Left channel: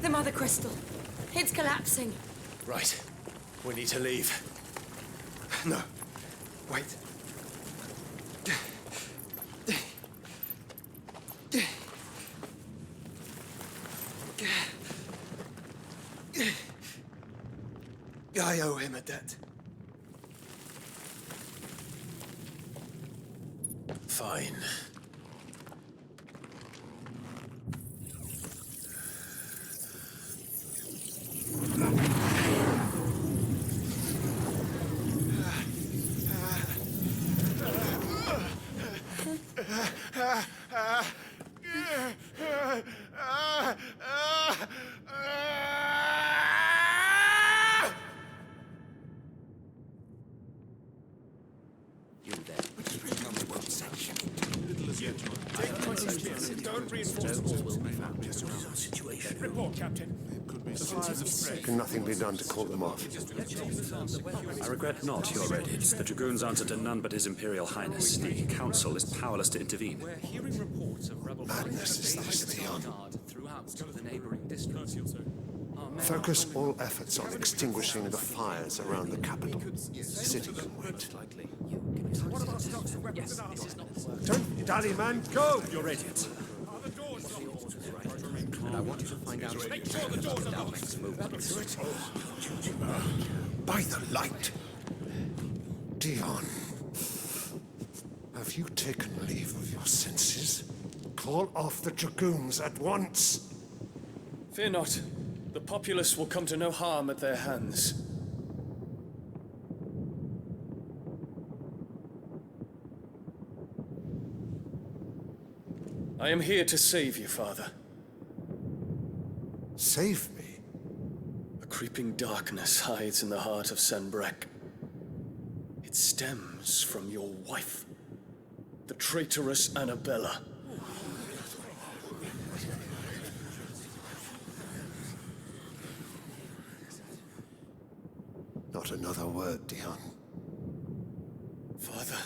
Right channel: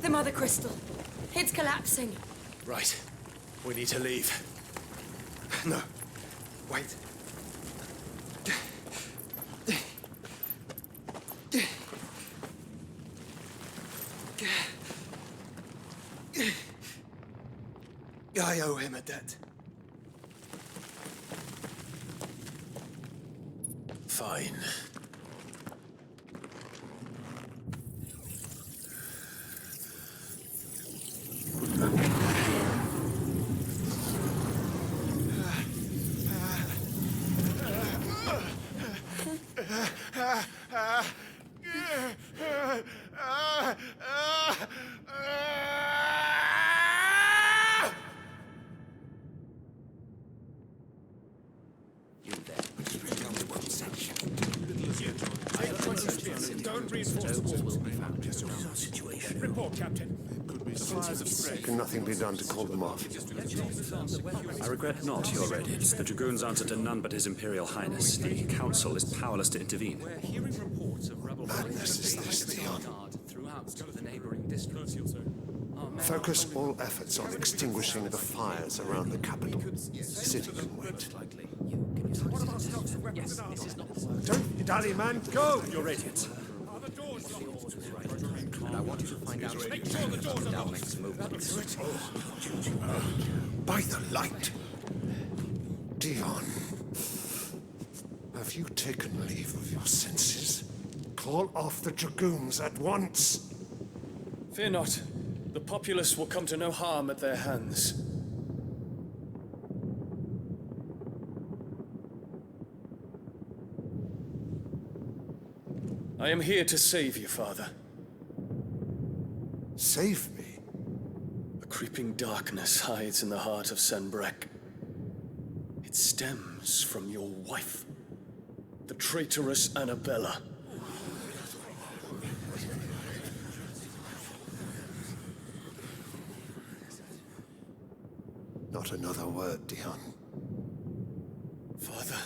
The Mother Crystal. It's collapsing. Right. We need to leave. No. Wait. I owe him a debt. Fine. You there. Tell me what section. Don't reinforce the walls. Will be found. This is our situation. Report, Captain. It could be signs of threat. Can nothing be done to call them off? I regret not, Your Radiance. The Dragoons answer to none but His Imperial Highness. The Council is powerless to intervene. We're hearing reports of rebel Madness is this, Dion. throughout the neighboring districts. Focus all efforts on extinguishing the fires around the capital. The city can wait. What about stocks of weapons and armor? Don't dally, man, go! Your Radiance. Are the doors locked? And I want you to find out Make sure the doors are I'll locked. make some movements. By the light! Dion, have you taken leave of your senses? Call off the Dragoons at once! Fear not. The populace will come to no harm at their hands. I am here to save you, Father. Save me? A creeping darkness hides in the heart of Sanbreque. It stems from your wife, the traitorous Annabella. Not another word, Dion. Father,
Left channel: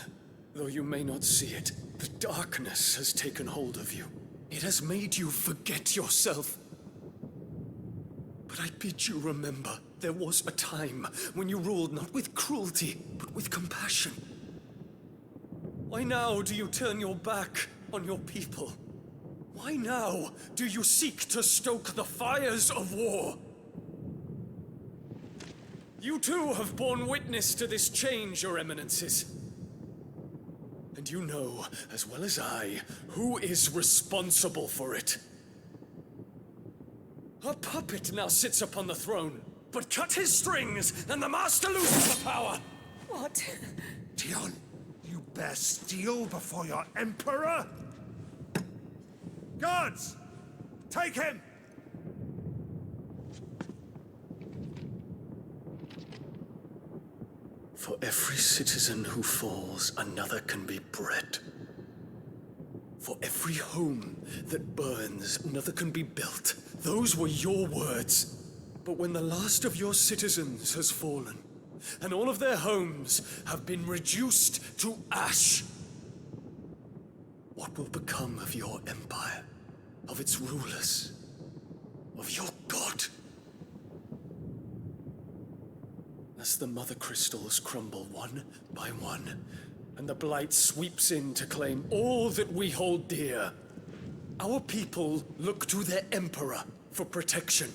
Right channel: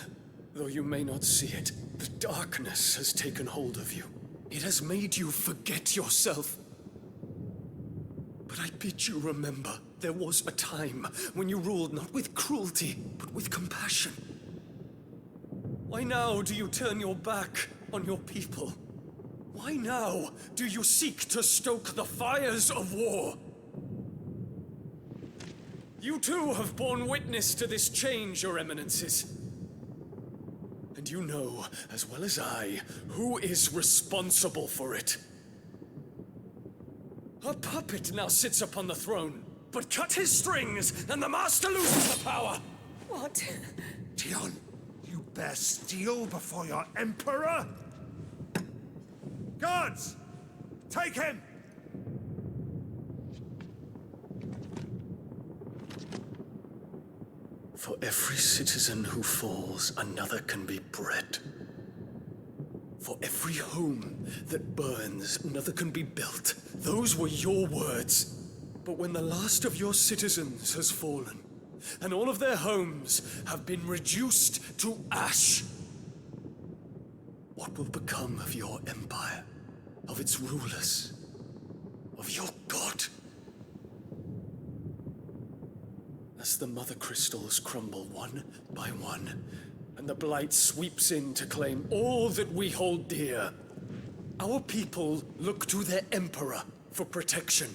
though you may not see it, the darkness has taken hold of you. It has made you forget yourself. But I bid you remember, there was a time when you ruled not with cruelty, but with compassion. Why now do you turn your back on your people? Why now do you seek to stoke the fires of war? You too have borne witness to this change, Your Eminences. And you know, as well as I, who is responsible for it. A puppet now sits upon the throne, but cut his strings, and the master loses the power! What? Dion, you bear steel before your emperor? Guards! Take him! For every citizen who falls, another can be bred. For every home that burns, another can be built. Those were your words. But when the last of your citizens has fallen, and all of their homes have been reduced to ash, what will become of your empire, of its rulers, of your god? As the mother crystals crumble one by one, and the blight sweeps in to claim all that we hold dear, our people look to their emperor for protection.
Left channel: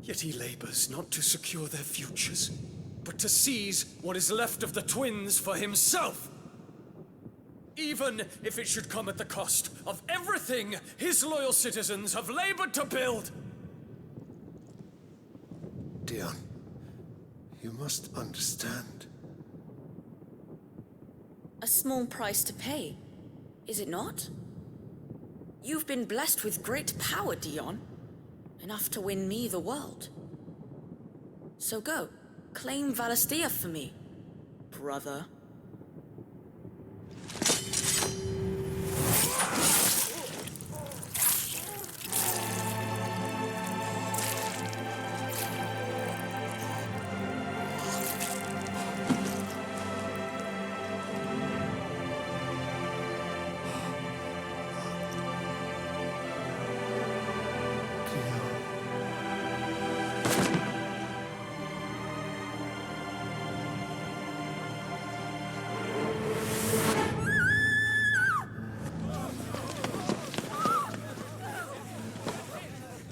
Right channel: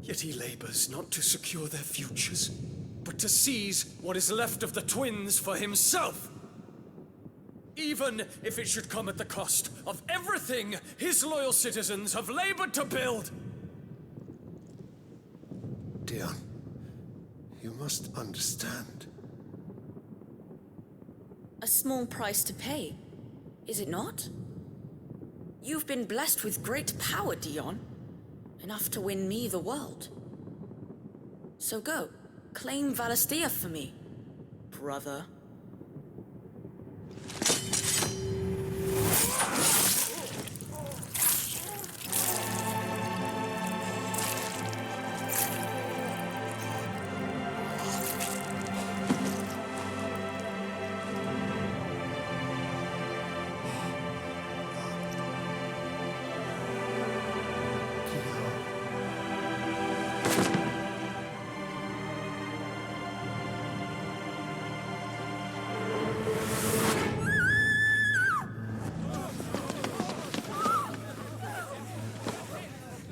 Yet he labors not to secure their futures, but to seize what is left of the twins for himself. Even if it should come at the cost of everything his loyal citizens have labored to build. Dion, you must understand. A small price to pay, is it not? You've been blessed with great power, Dion. Enough to win me the world. So go, claim Valisthea for me, brother. Dion.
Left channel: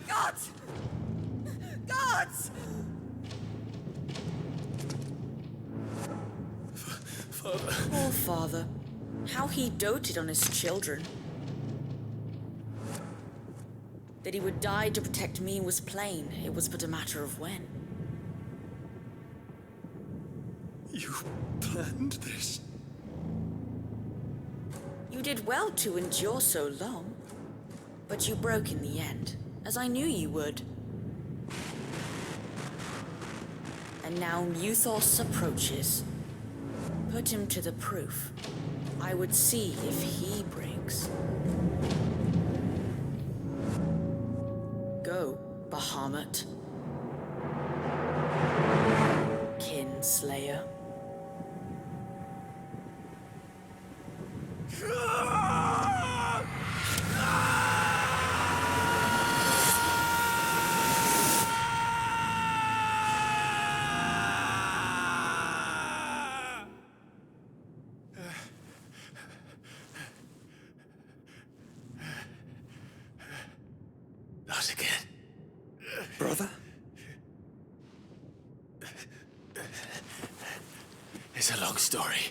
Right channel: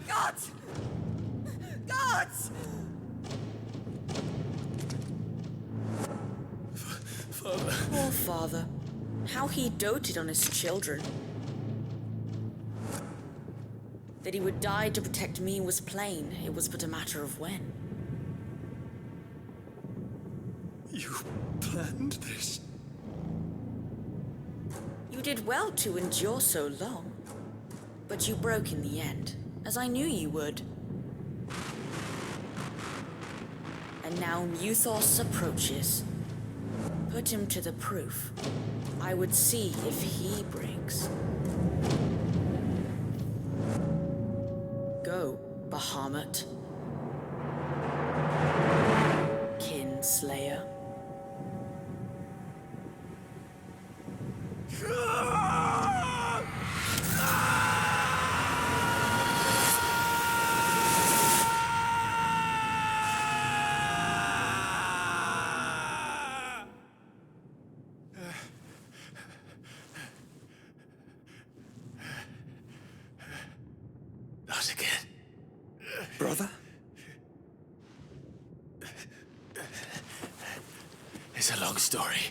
Gods! Gods! Father. Poor father. How he doted on his children. That he would die to protect me was plain. It was but a matter of when. You planned this? You did well to endure so long. But you broke in the end, as I knew you would. And now Muthos approaches. Put him to the proof. I would see if he breaks. Go, Bahamut. Kinslayer. Not again. Brother? It's a long story.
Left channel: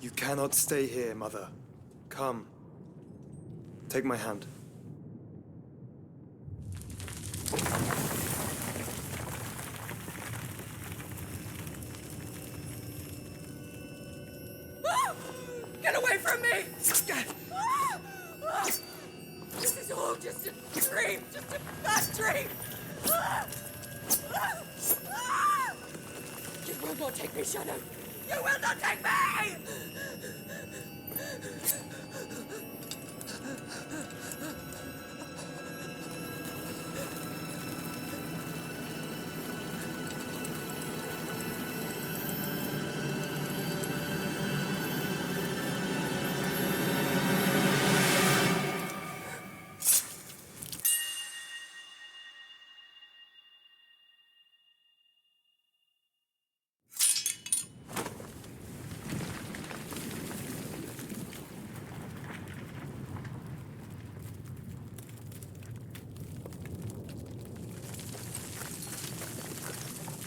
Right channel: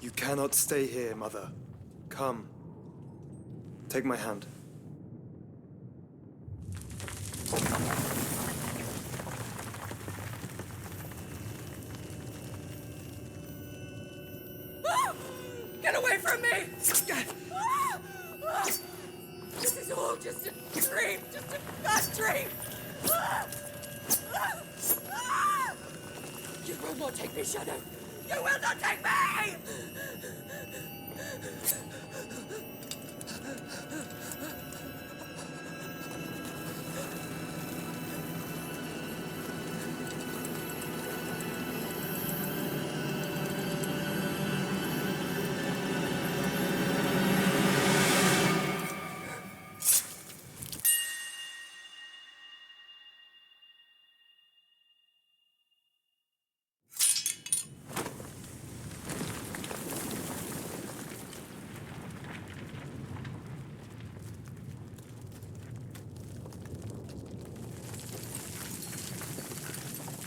You cannot stay here, Mother. Come. Take my hand. Get away from me! This is all just a dream, just a bad dream! You will not take me, Shadow! You will not take me!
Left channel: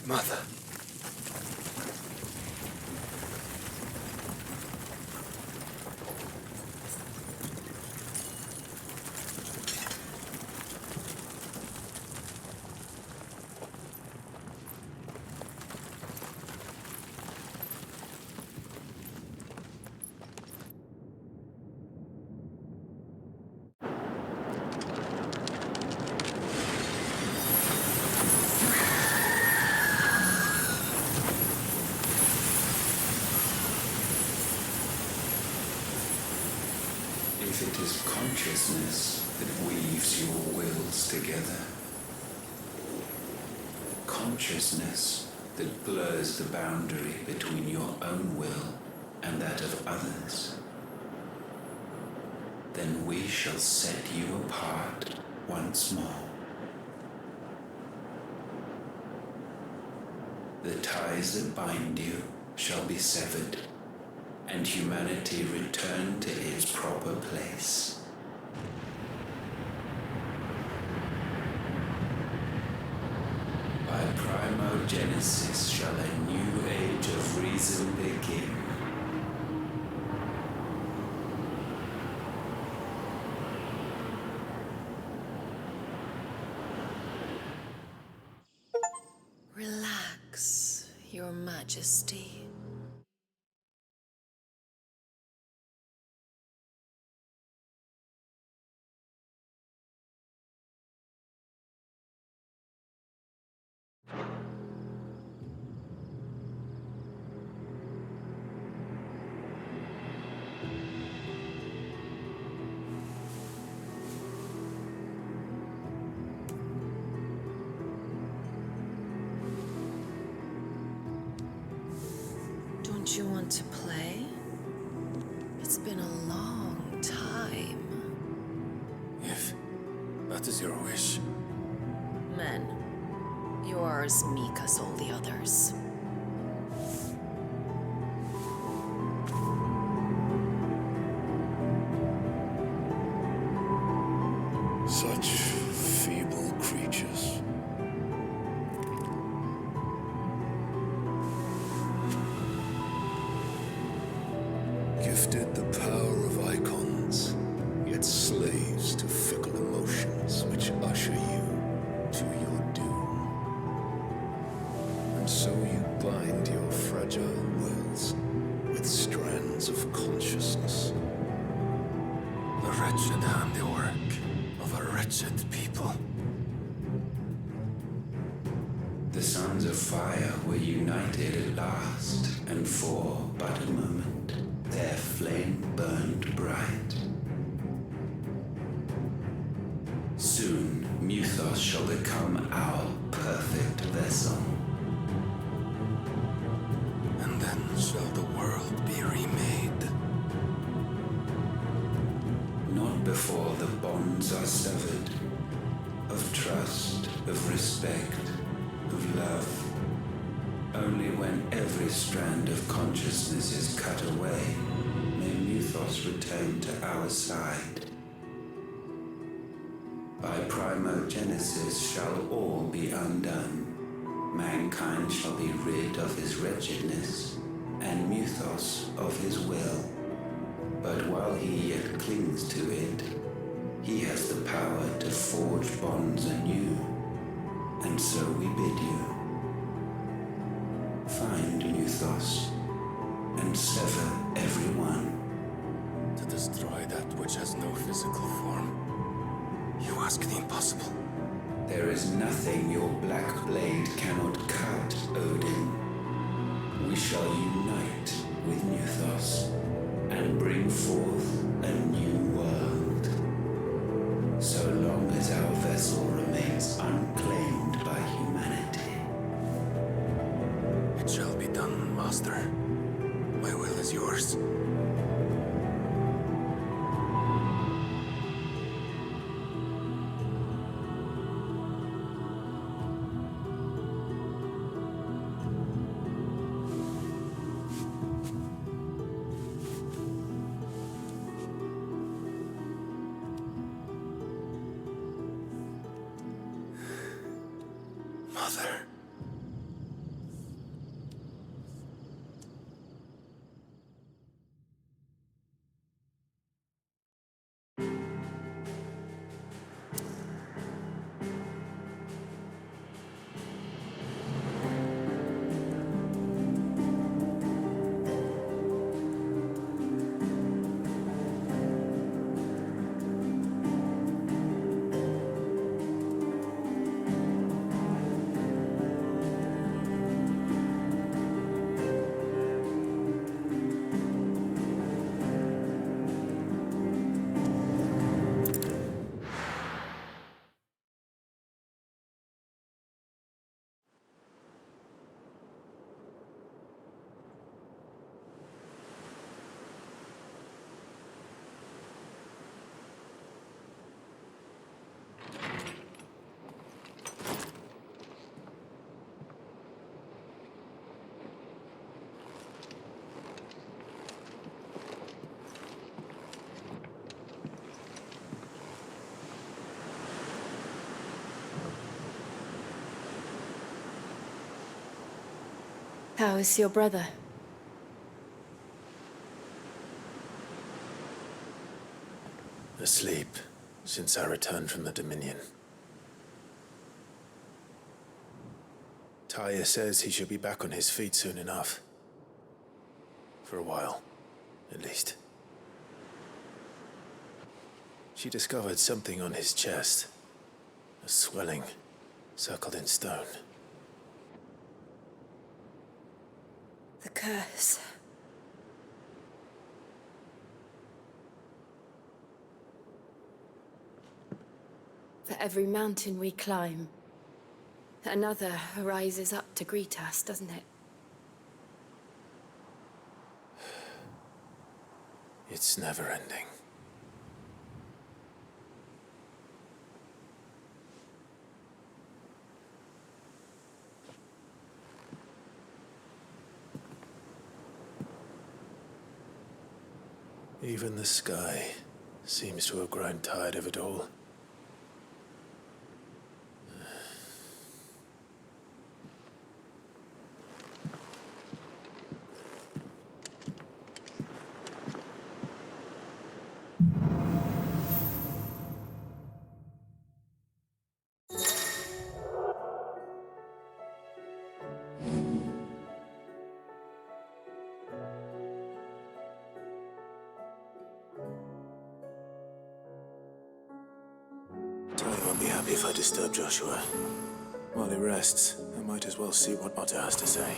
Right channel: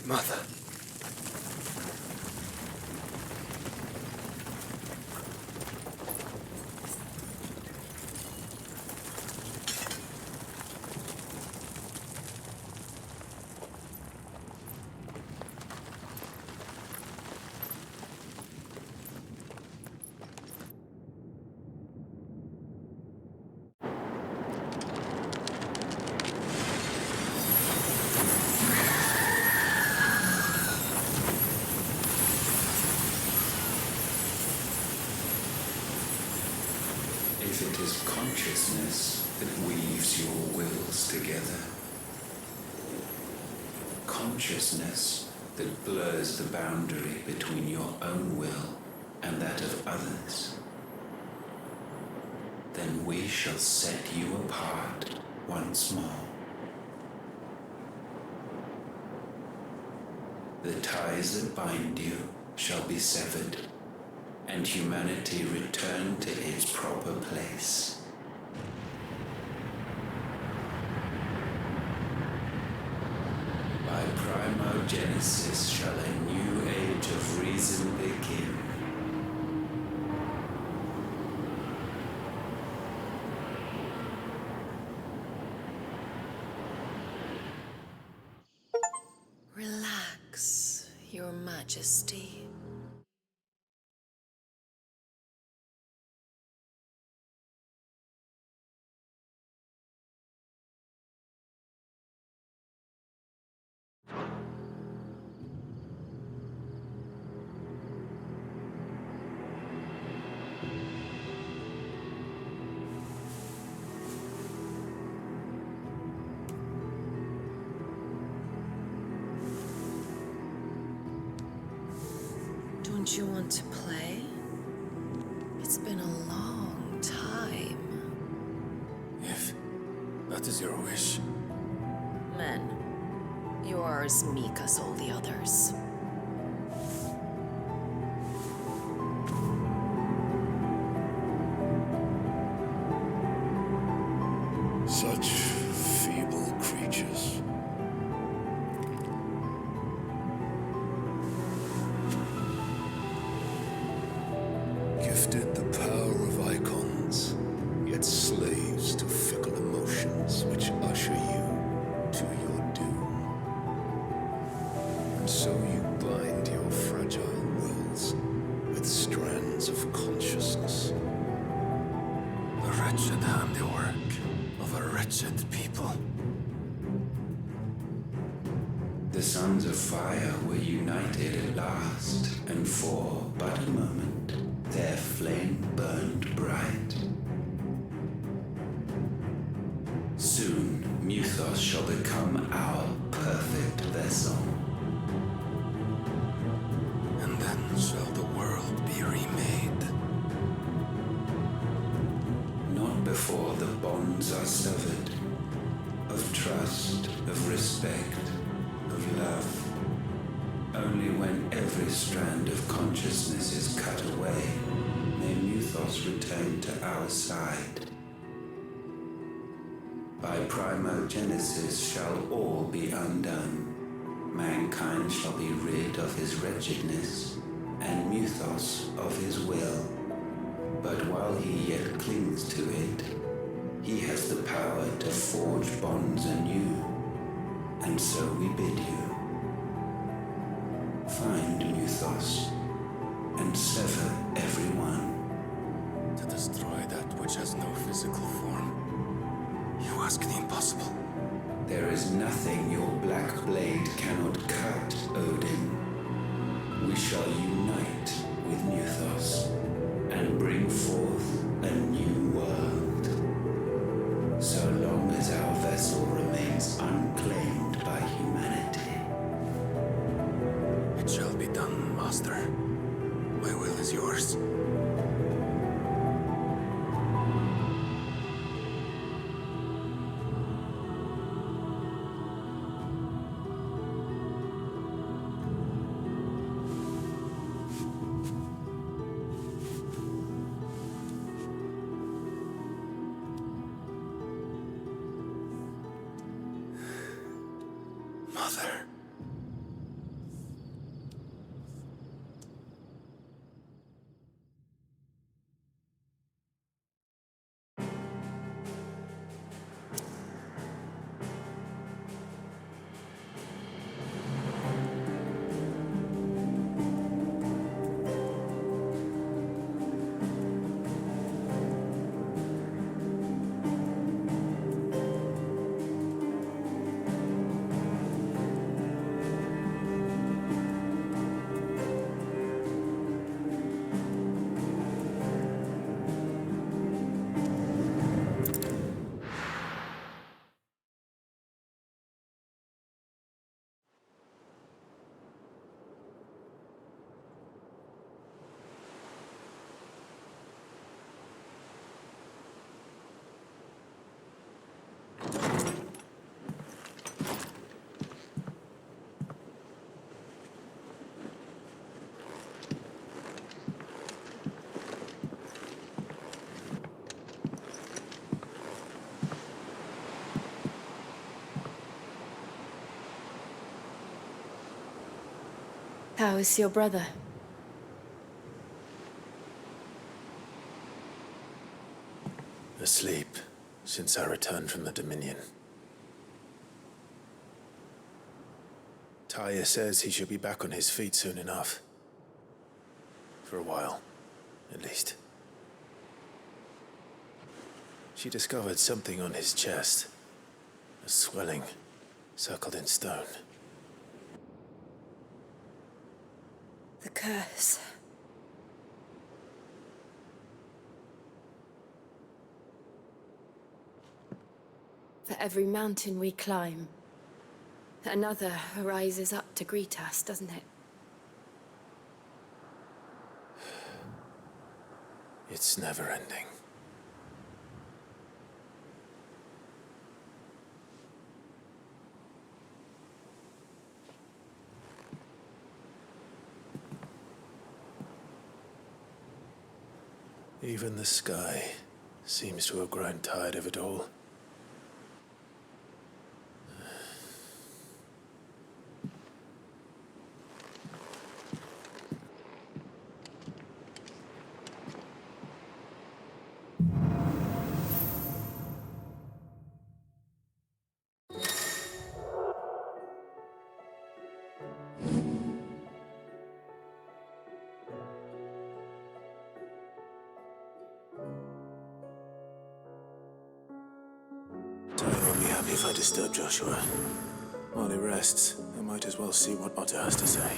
Mother. If it is consciousness that weaves your wills together, consciousness that blurs the boundary between your own will and that of others, then we shall set you apart once more. The ties that bind you shall be severed, and humanity return to its proper place. By primogenesis shall a new age of reason begin. Relax, Your Majesty. Don't you want to play? It's been a long time. If that is your wish. Men, you are as meek as all the others. Such feeble creatures. Gifted the power of icons, yet slaves to fickle emotions which usher you to your doom. And so you bind your fragile wills with strands of consciousness. The wretched handiwork of a wretched people. The sons of fire were united at last, and for but a moment their flame burned bright. Soon Muthos shall become our perfect vessel. And then shall the world be remade. Not before the bonds are severed, of trust, of respect, of love. Only when every strand of consciousness is cut away, may Muthos return to our side. By primogenesis shall all be undone. Mankind shall be rid of his wretchedness, and Muthos of his will. But while he yet clings to it, he has the power to forge bonds anew. And so we bid you, find Muthos, and sever every one. To destroy that which has no physical form. You ask the impossible. There is nothing your black blade cannot cut, Odin. We shall unite with Muthos and bring forth a new world. So long as our vessel remains unclaimed by humanity. It shall be done, Master. My will is yours. Mother. How is your brother? Asleep since I returned from the Dominion. Taya says he should be back on his feet soon enough. For a while, at least. She discovered something on his chest. A swelling, circled in stone. The curse. For every mountain we climb, another rises up to greet us, doesn't it? It's never ending. Even the sky seems to have grown tired of it all. Ty won't be happy if I disturb Joshua. While he rests, I might as well see what Otter has to say.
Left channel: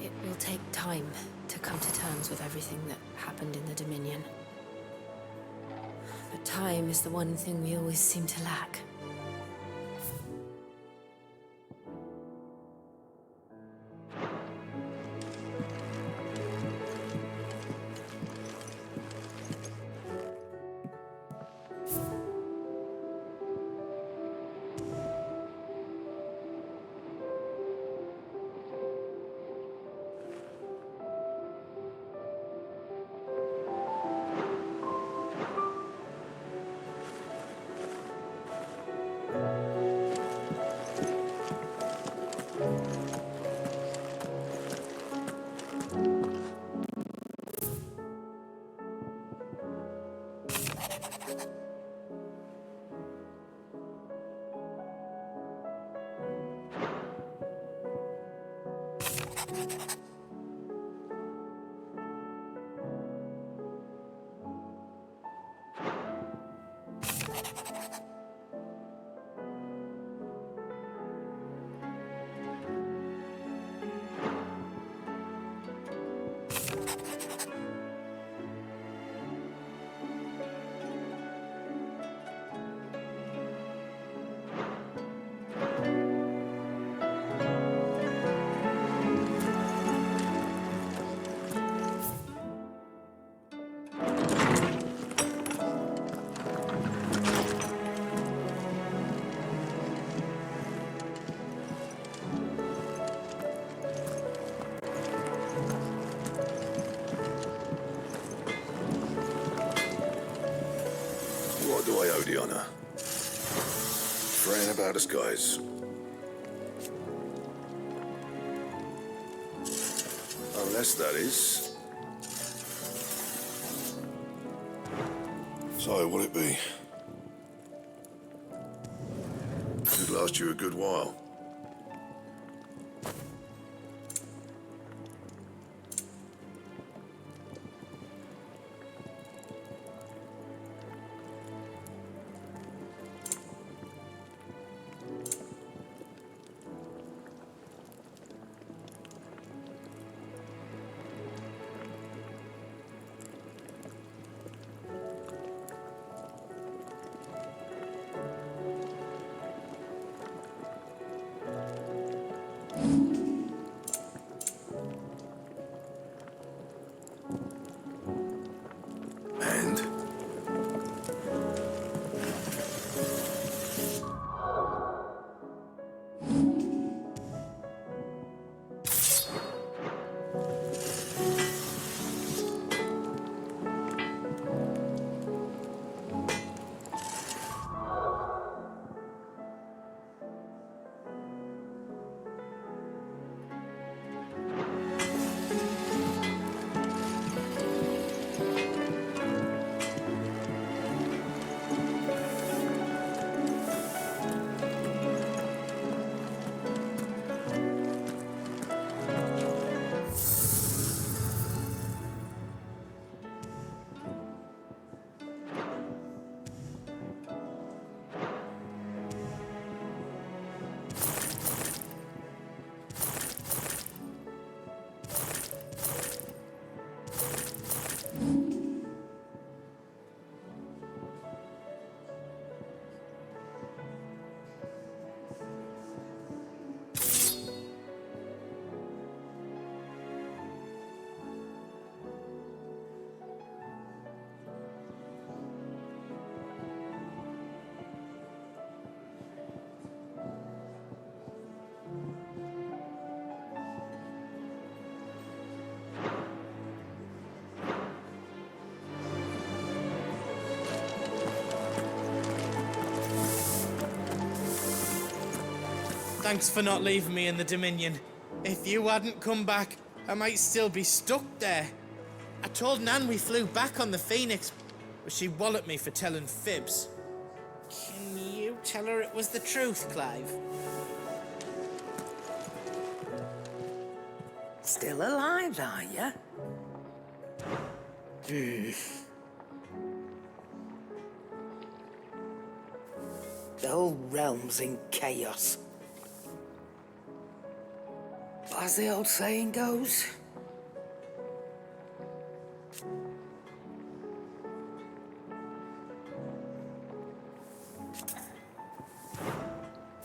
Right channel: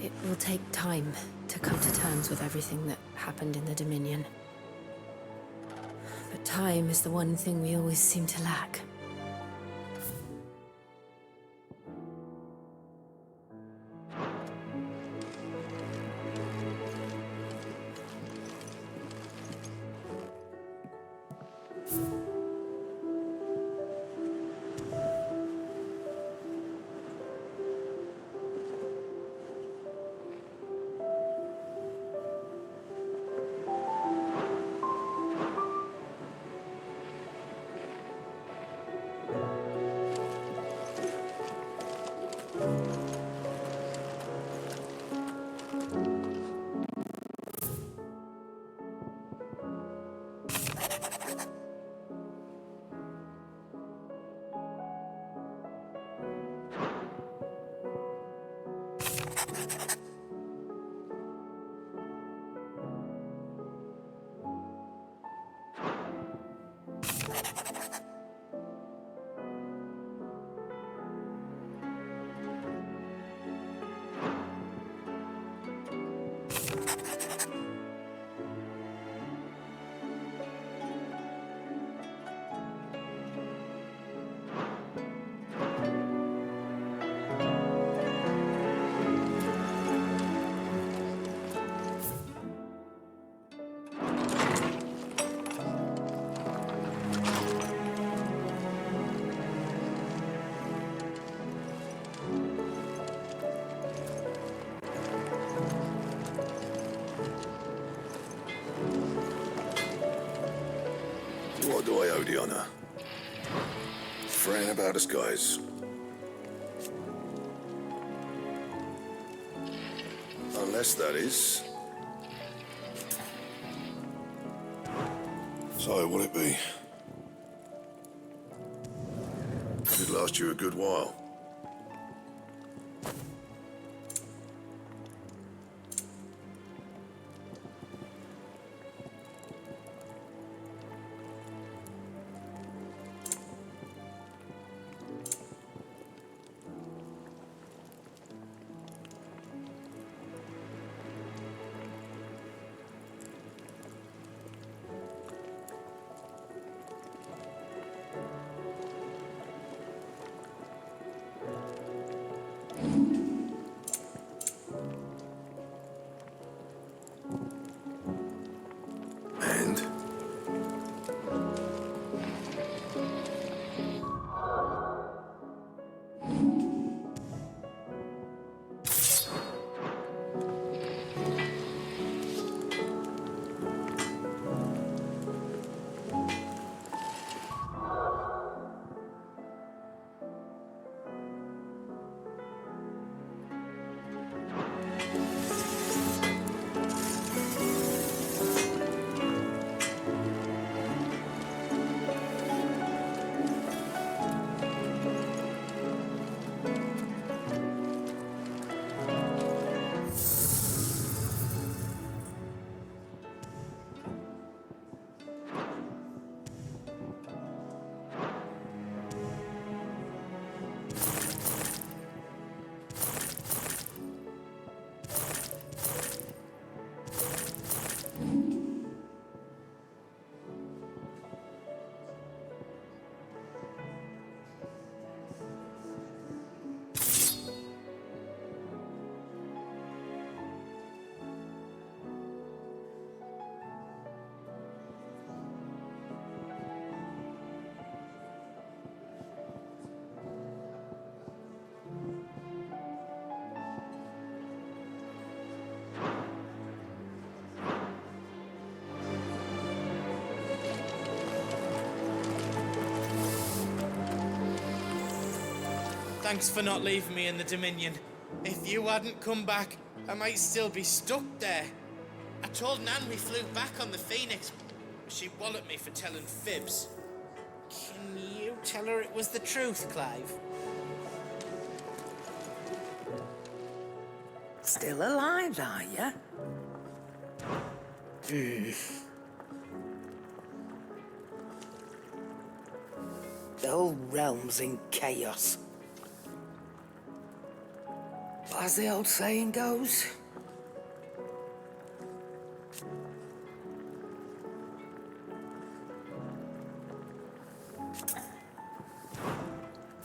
It will take time to come to terms with everything that happened in the Dominion. But time is the one thing we always seem to lack. What do I owe the honor? Fretting about us, guys. Unless that is... So, will it be? Should last you a good while. Thanks for not leaving me in the Dominion. If you hadn't come back, I might still be stuck there. I told Nan we flew back on the Phoenix, but she walloped me for telling fibs. Can you tell her it was the truth, Clive? Still alive, are you? The whole realm's in chaos. But as the old saying goes,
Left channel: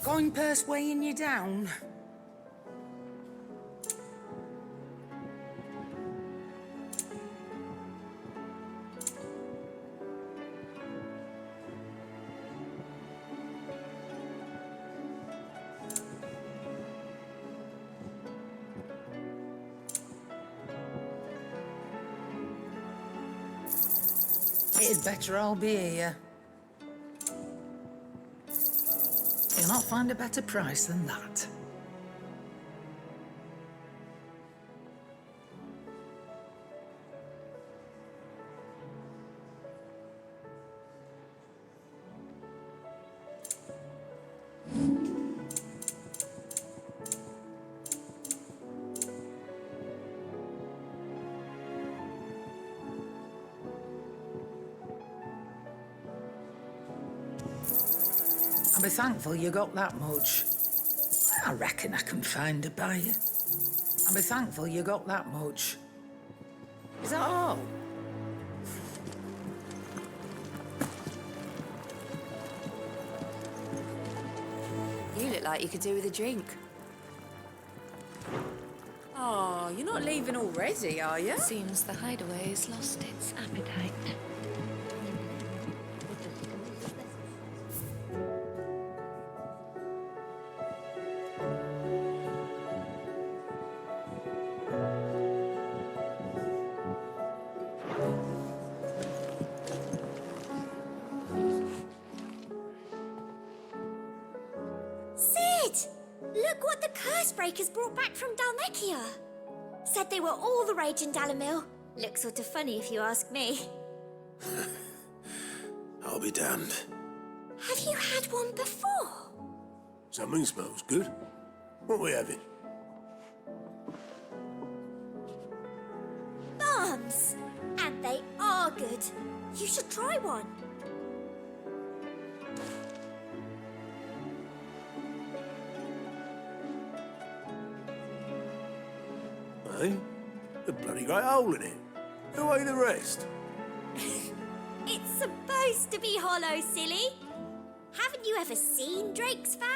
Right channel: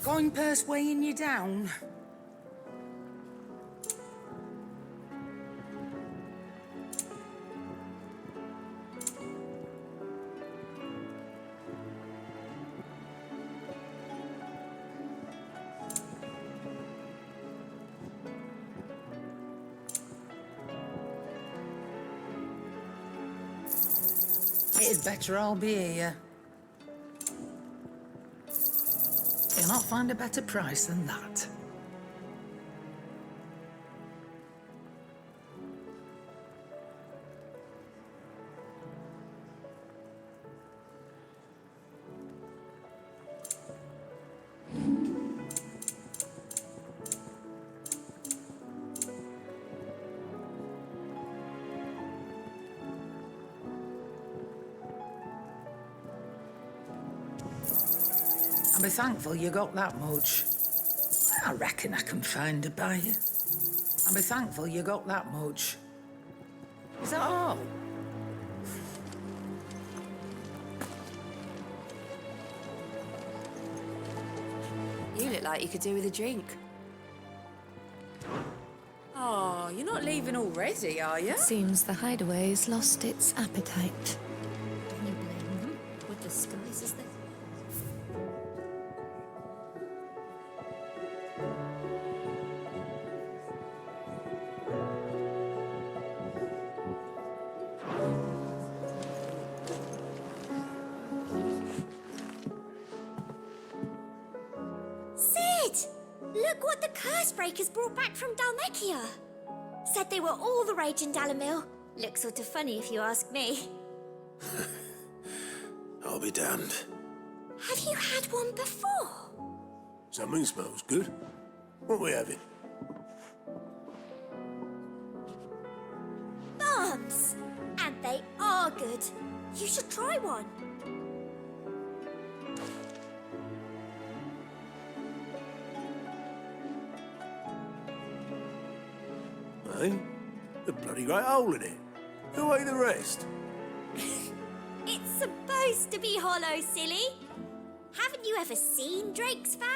coin purse weighing you down. It'd better all be here. You'll not find a better price than that. I'll be thankful you got that much. I reckon I can find a buyer. I'll be thankful you got that much. Is that all? You look like you could do with a drink. Oh, you're not leaving already, are you? Seems the hideaway's lost its appetite. Sid! Look what the Cursebreakers brought back from Dalmekia. Said they were all the rage in Dalamil. Looks sort of funny if you ask me. I'll be damned. Have you had one before? Something smells good. What are we having? Bombs! And they are good. You should try one. Eh? A bloody great hole in it. Who ate the rest? It's supposed to be hollow, silly. Haven't you ever seen Drake's Fang?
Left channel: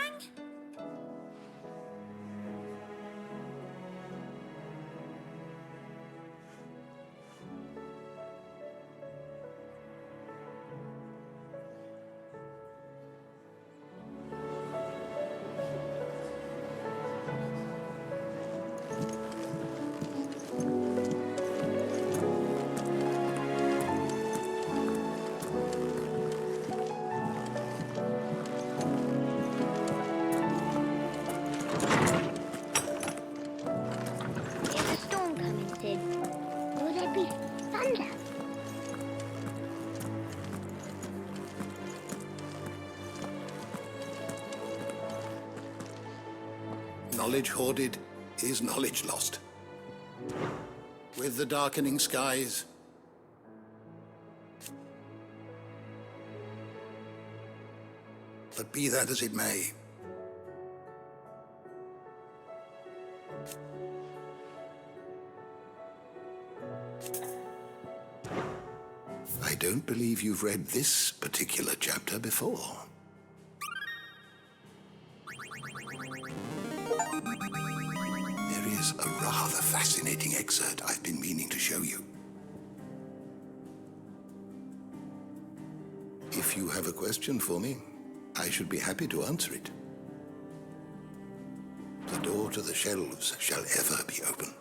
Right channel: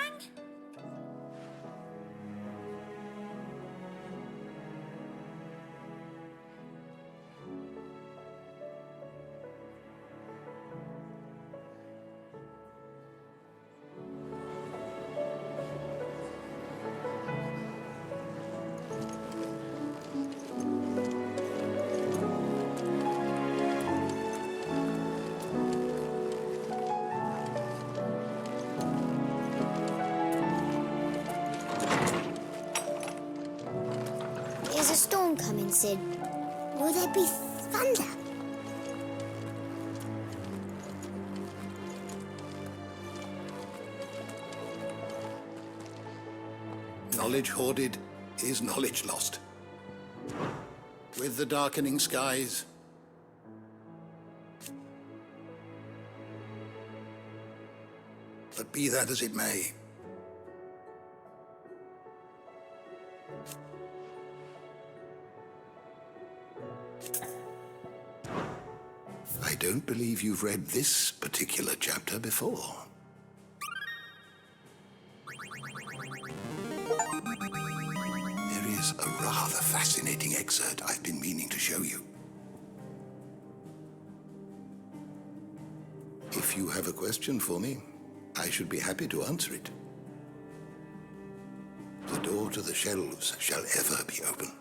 There's a storm coming soon. Will there be thunder? Knowledge hoarded is knowledge lost. With the darkening skies, but be that as it may, I don't believe you've read this particular chapter before. There is a rather fascinating excerpt I've been meaning to show you. If you have a question for me, I should be happy to answer it. The door to the shelves shall ever be open.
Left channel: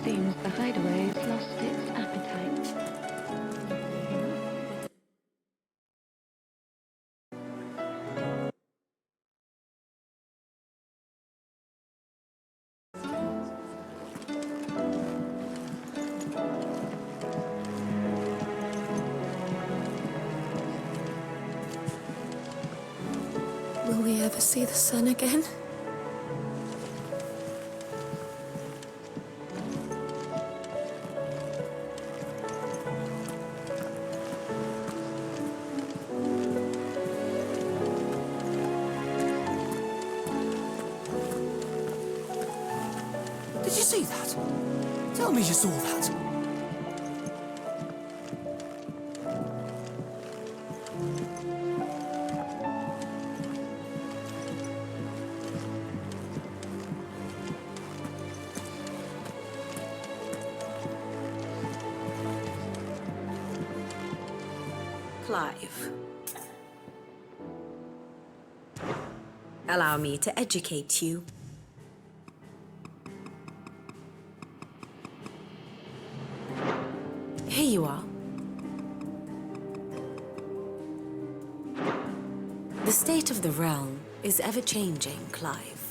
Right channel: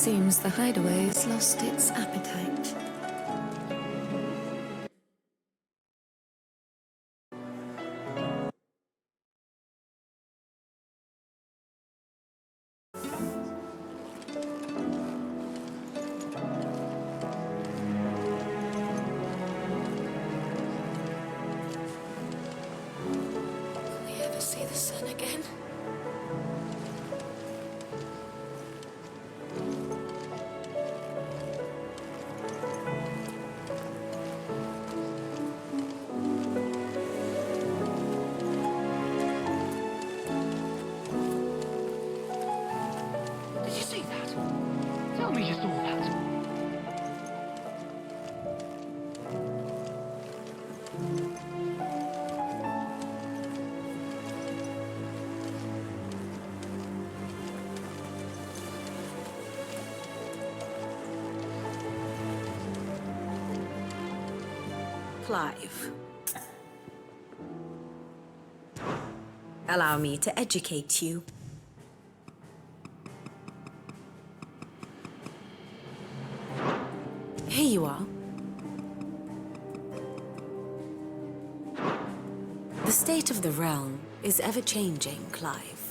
Seems the hideaway has lost its appetite. Will we ever see the sun again? Did you see that? Tell me you saw that. Clive. Allow me to educate you. Here you are. The state of the realm is ever-changing, Clive.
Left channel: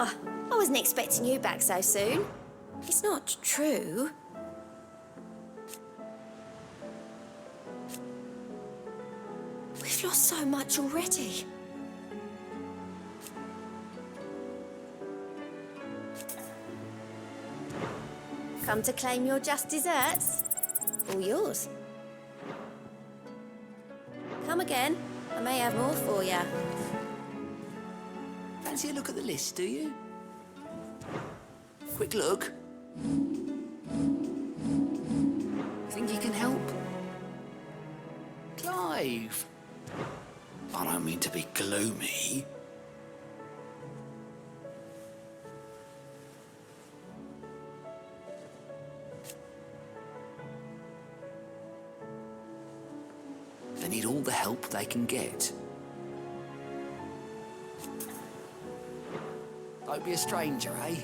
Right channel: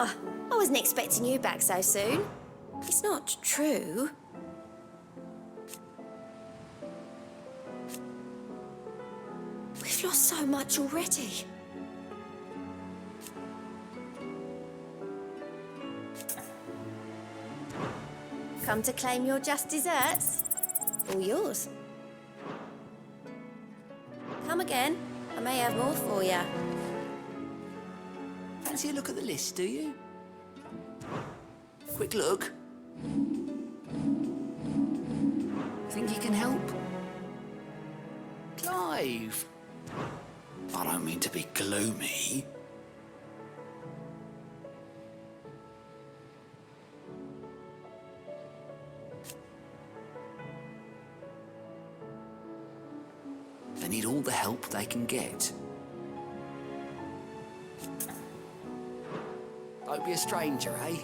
Ah, I wasn't expecting you back so soon. It's not true. We've lost so much already. Come to claim your just desserts? All yours. Come again. I may have more for you. Fancy a look at the list, do you? Quick look. Think you can help? Clive! I don't mean to be gloomy. They need all the help they can get. Don't be a stranger, eh?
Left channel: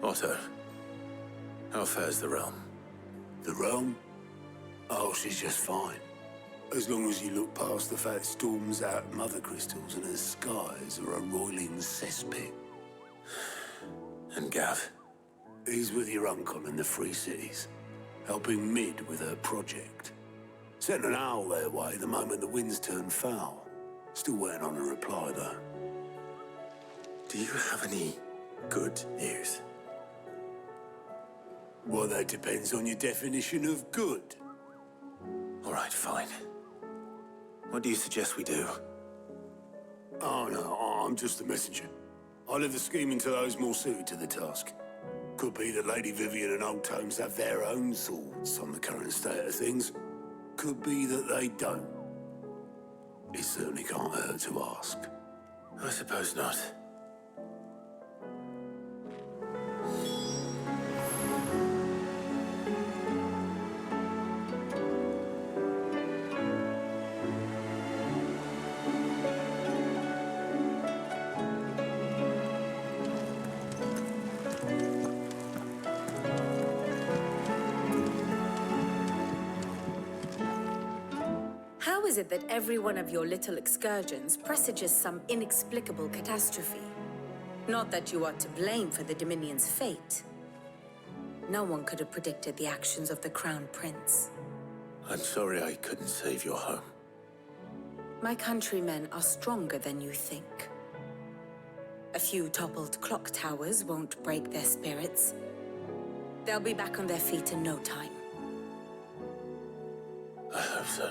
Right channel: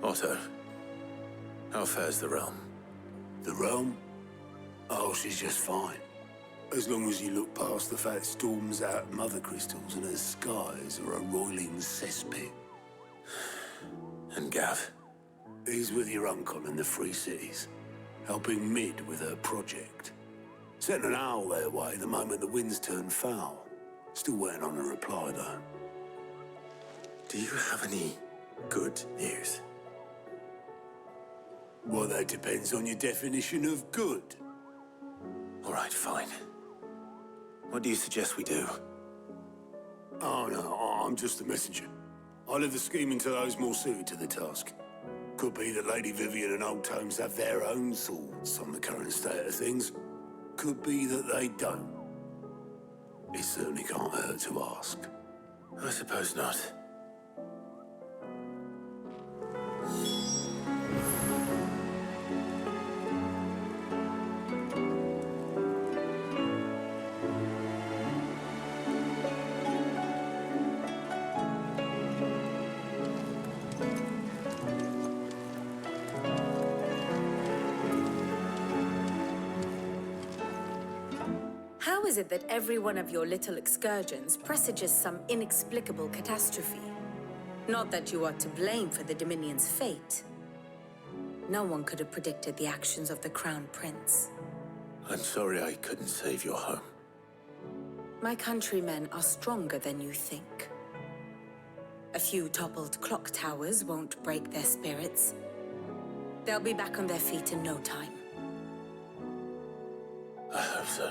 Otto, how fares the realm? The realm? Oh, she's just fine. As long as you look past the fat storms out mother crystals and her skies are a roiling cesspit. And Gav? He's with your uncle in the Free Cities, helping Mid with her project. Sent an owl their way the moment the winds turned foul. Still waiting on a reply, though. Do you have any good news? Well, that depends on your definition of good. All right, fine. What do you suggest we do? Oh, no, I'm just a messenger. I leave the scheming to those more suited to the task. Could be that Lady Vivian and Old Tomes have their own thoughts on the current state of things. Could be that they don't. It certainly can't hurt to ask. I suppose not. How is it that every one of your little excursions presages some inexplicable catastrophe? Not that you are to blame for the Dominion's fate. No one could have predicted the actions of the Crown Prince. I'm sorry I couldn't save your home. My countrymen are stronger than you think. A few toppled clock towers won't break their spirits. They'll be back on their feet in no time. I hope so.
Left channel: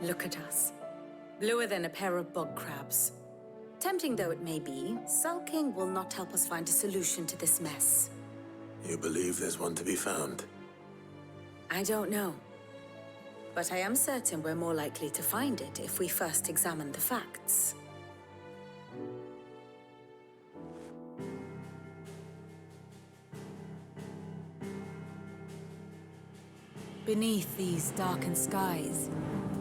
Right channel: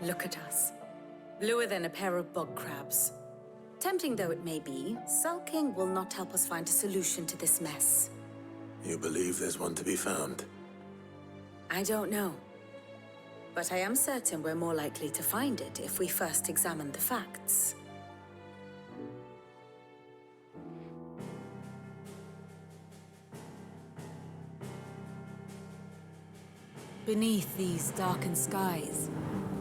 Look at us. Bluer than a pair of bog crabs. Tempting though it may be, sulking will not help us find a solution to this mess. You believe there's one to be found? I don't know. But I am certain we're more likely to find it if we first examine the facts. Beneath these darkened skies,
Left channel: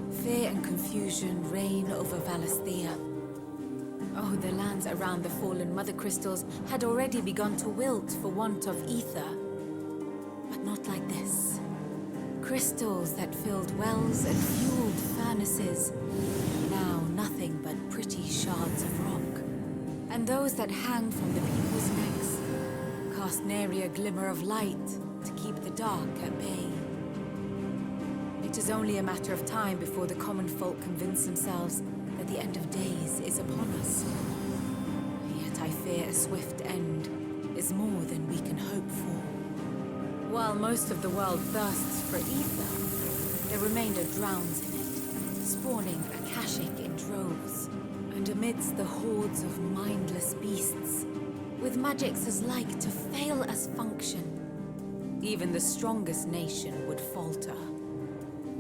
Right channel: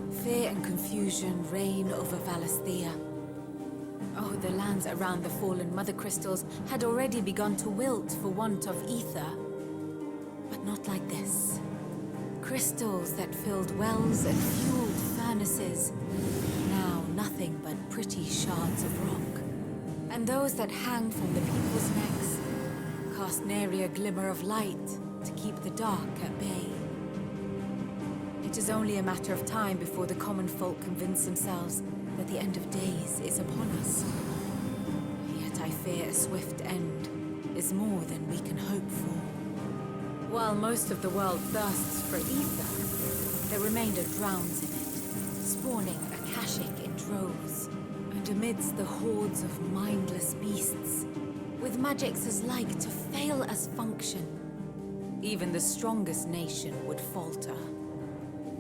fear and confusion reign over Valisthea. Oh, the lands around the fallen Mother Crystals had already begun to wilt for want of ether. But not like this. Crystals that filled wells and fueled furnaces, now nothing but pretty shards of rock. And those that hang from the people's necks cast nary a glimmer of light to keep the dark at bay. It is only a matter of time before the common folk convince themselves that the end of days is upon us. Yet I fear a swift end is more than we can hope for. While most of the world thirsts for ether, the remainder drowns in it, spawning Akashic in droves. And amidst the hordes of mindless beasts, with magics as like to fail as function, even the strongest nation would falter.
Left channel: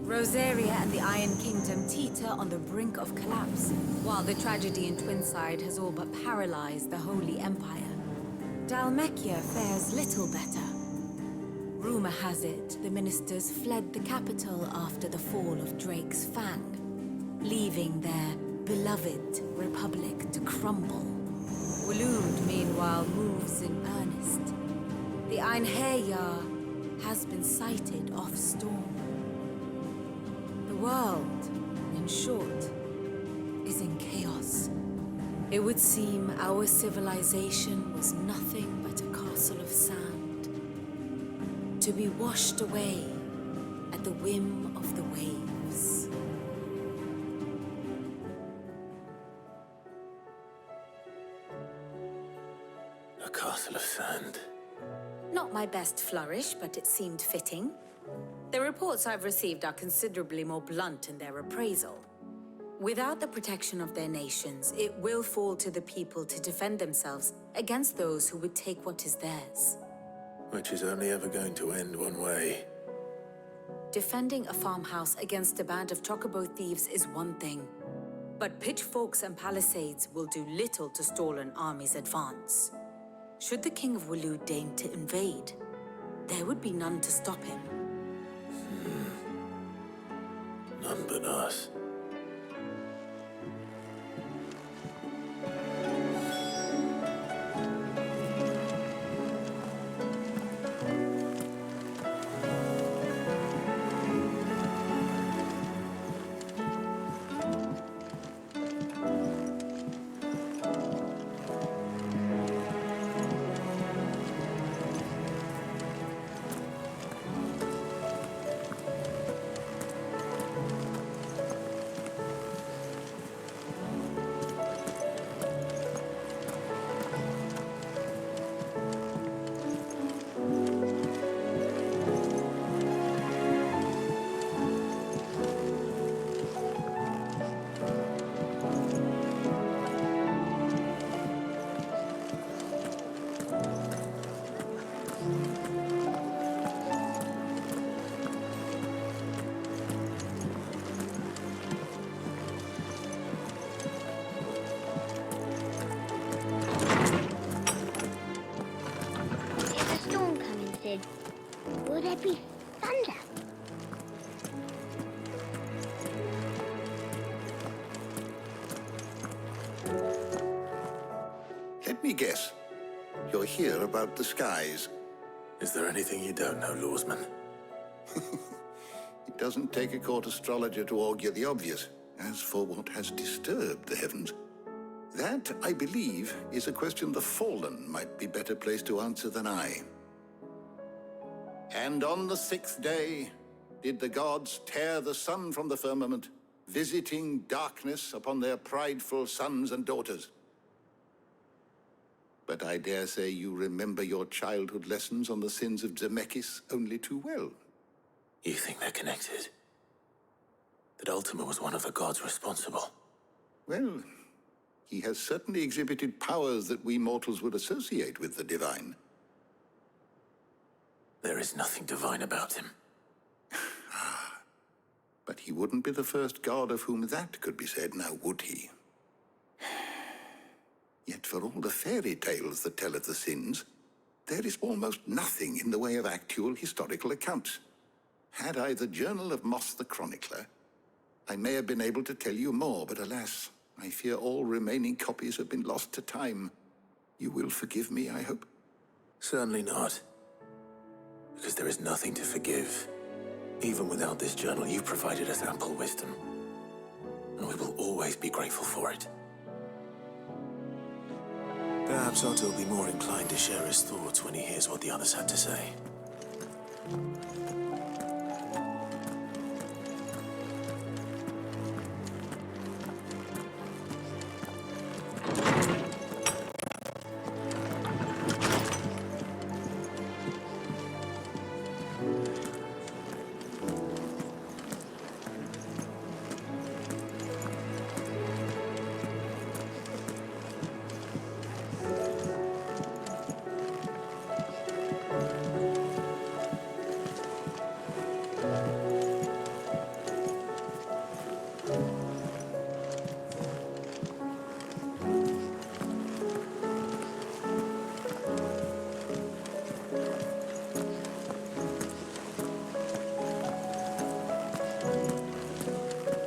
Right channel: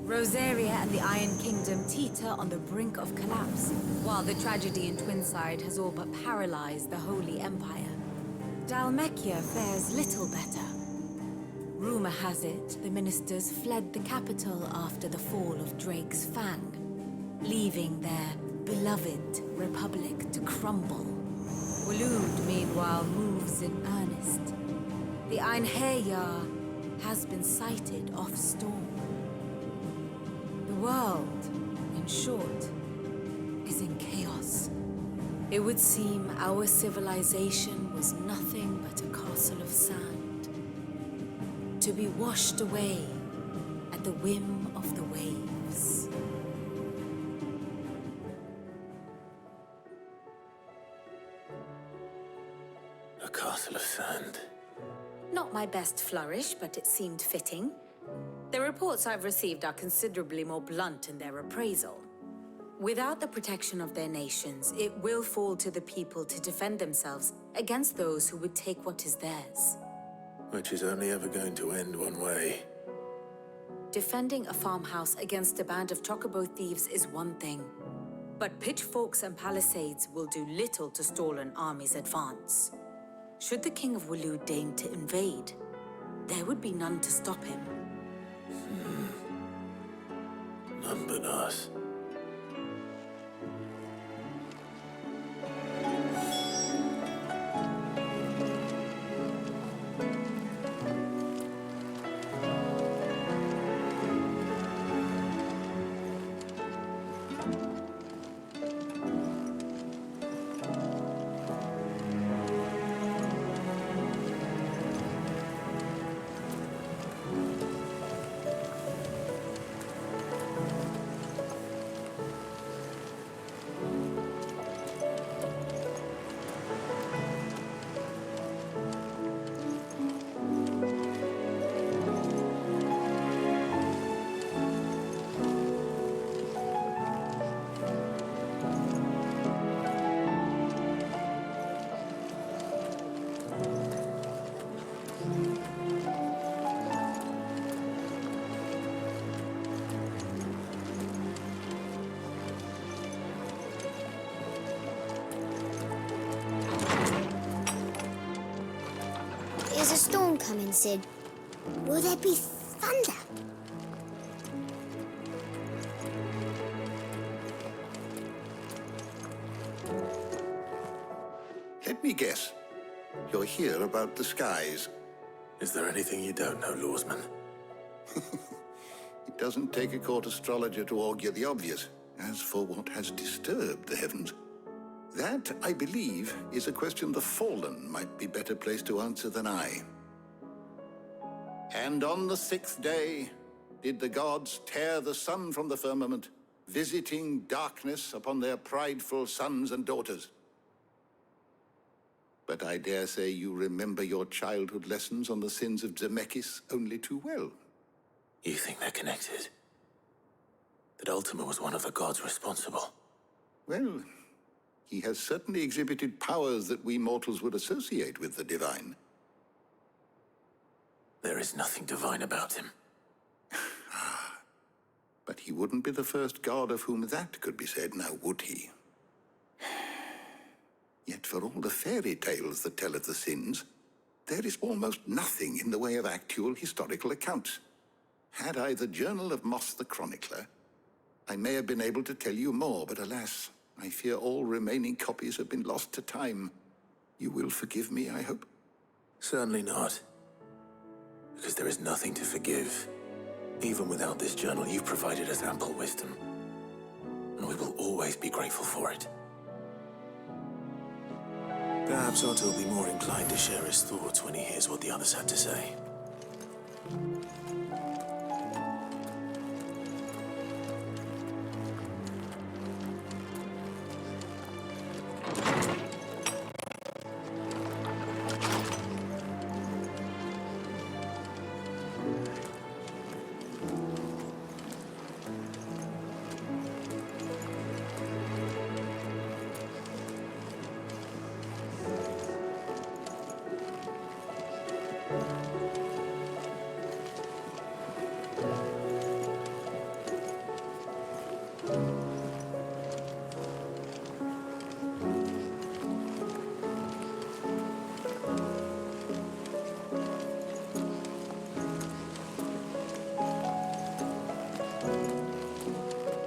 Rosaria and the Iron Kingdom teeter on the brink of collapse, while the tragedy in Twinside has all but paralyzed the Holy Empire. Dhalmekia fares little better. Rumor has it the ministers fled the capital after the fall of Drake's Fang, leaving their beloved republic to crumble. Waloed, meanwhile, moves in earnest. The Einherjar has been sighted off-storm. The world, in short, is in chaos. It would seem our civilization was nothing but a castle of sand, to be washed away at the whim of the waves. A castle of sand. Not my best flourish, but it seemed fitting. The reports I've received are considerably more blunt in their appraisal. Without the protection of their nations, it will fall to the people to defend themselves against those who would take what is theirs. Which is only ever going to end one way. Defending a farmhouse against a band of chocobo thieves is one thing, but pitchforks and palisades will do little to stall an army's advance. Should the King of Waloed deign to invade, there would be none to stop him. None but us. Will there be thunder? Let me guess. You're here about the skies. Is there anything you don't know, Lawsman? It doesn't take a court astrologer to augur the obvious. As for what has disturbed the heavens, that, I believe, is a question the Fallen might be better placed to answer than I. And on the 6th day did the gods tear the sun from the firmament, visiting darkness upon their prideful sons and daughters. But I dare say you remember your childhood lessons on the sins of Zemeckis only too well. You think they're connected? that Ultima was one of the gods responsible. Well, he has certainly exhibited powers that we mortals would associate with the divine. There is nothing divine about him. But he wouldn't be the first god of whom that could be said, now would he? Yet for all the fairy tales that tell of the sins, there is almost nothing in the way of actual historical accounts. Had I the Journal of Moss the Chronicler, I may have been able to tell you more, but alas, I fear all remaining copies have been lost to time. You will forgive me, I hope? Certainly not. Because there is nothing to forgive. Even without this journal, you've provided us ample wisdom. And we will always be grateful for it. Perhaps Otto will be more inclined to share his thoughts when he hears what the others had to say.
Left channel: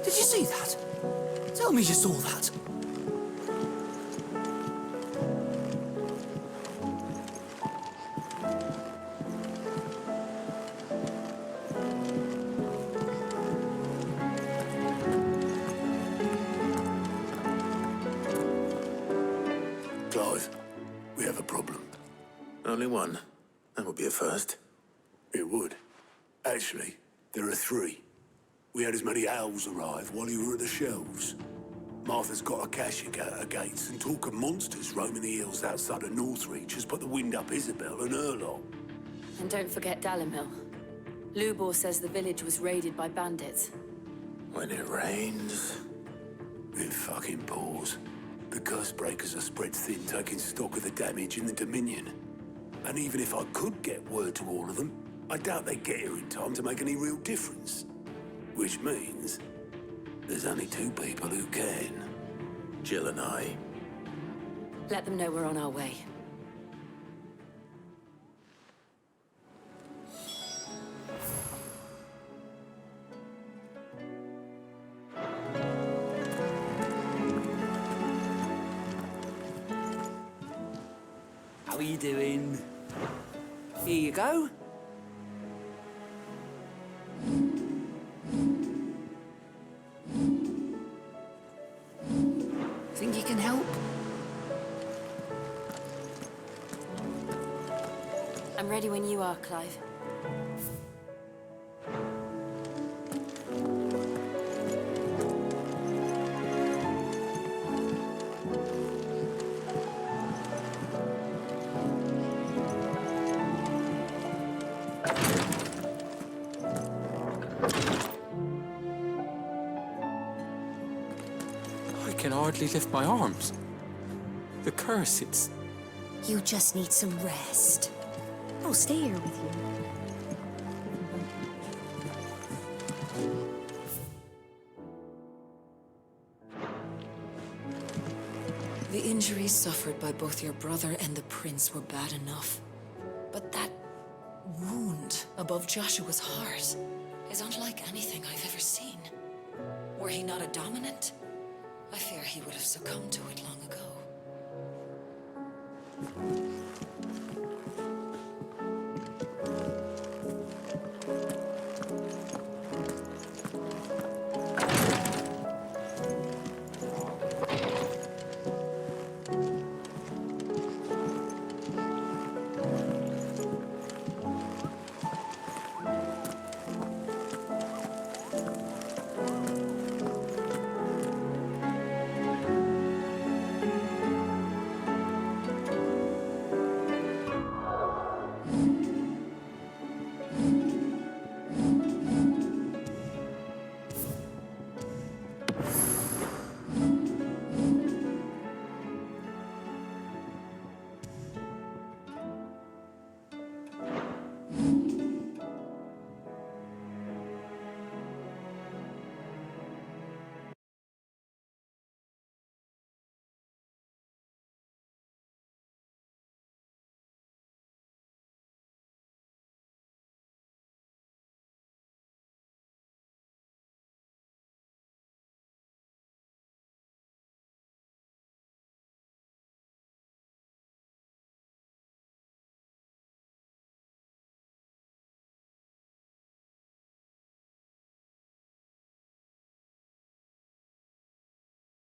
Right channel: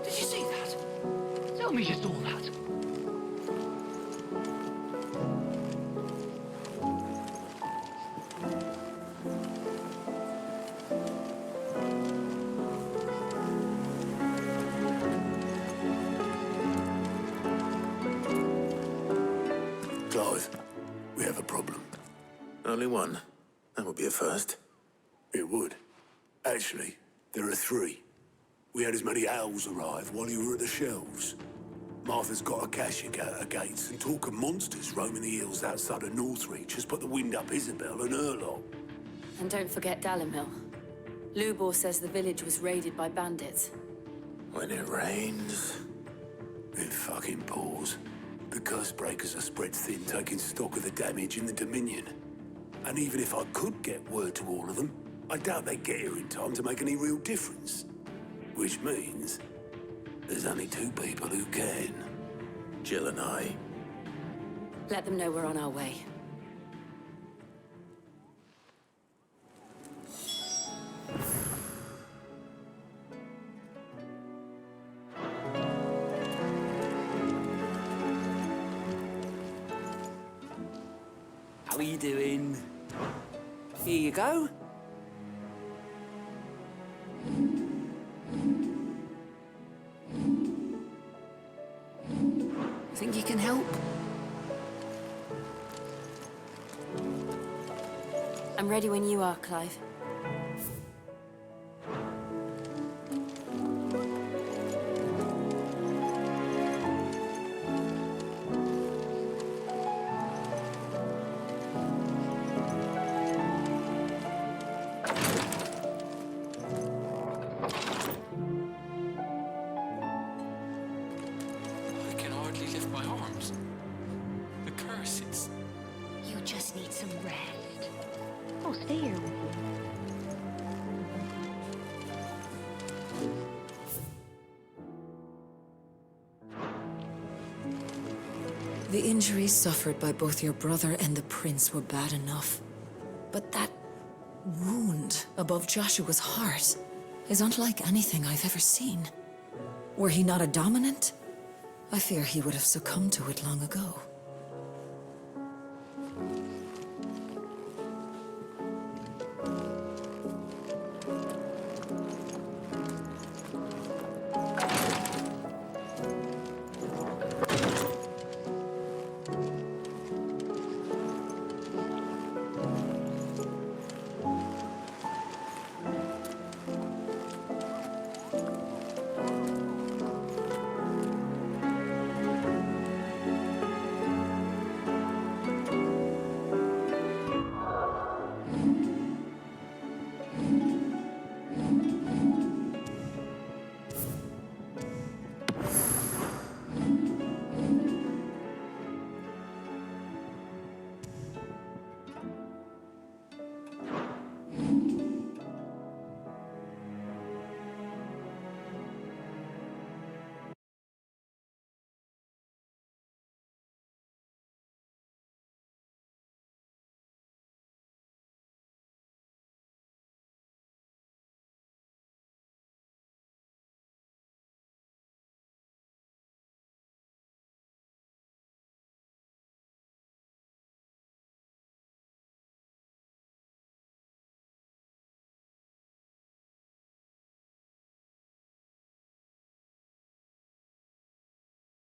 Did you see that? Tell me you saw that. Clive, we have a problem. Only one? That would be a first. It would. Actually, there are three. We had as many owls arrive while you were at the shelves. Martha's got a cashier at her gates, and talk of monsters roaming the hills outside of Northreach has put the wind up Isabel and her lot. And don't forget Dalimil. Lubor says the village was raided by bandits. When it rains... It fucking pours. The curse breakers are spread thin, taking stock of the damage in the Dominion. And even if I could get word to all of them, I doubt they'd get here in time to make any real difference. Which means there's only two people who can. Jill and I. Let them know we're on our way. How are you doing? Here you go. Think you can help? I'm ready when you are, Clive. I can hardly lift my arms. The curse, it's... You just need some rest. I'll stay here with you. The injuries suffered by both your brother and the prince were bad enough. But that wound above Joshua's heart is unlike anything I've ever seen. Were he not a dominant, I fear he would have succumbed to it long ago.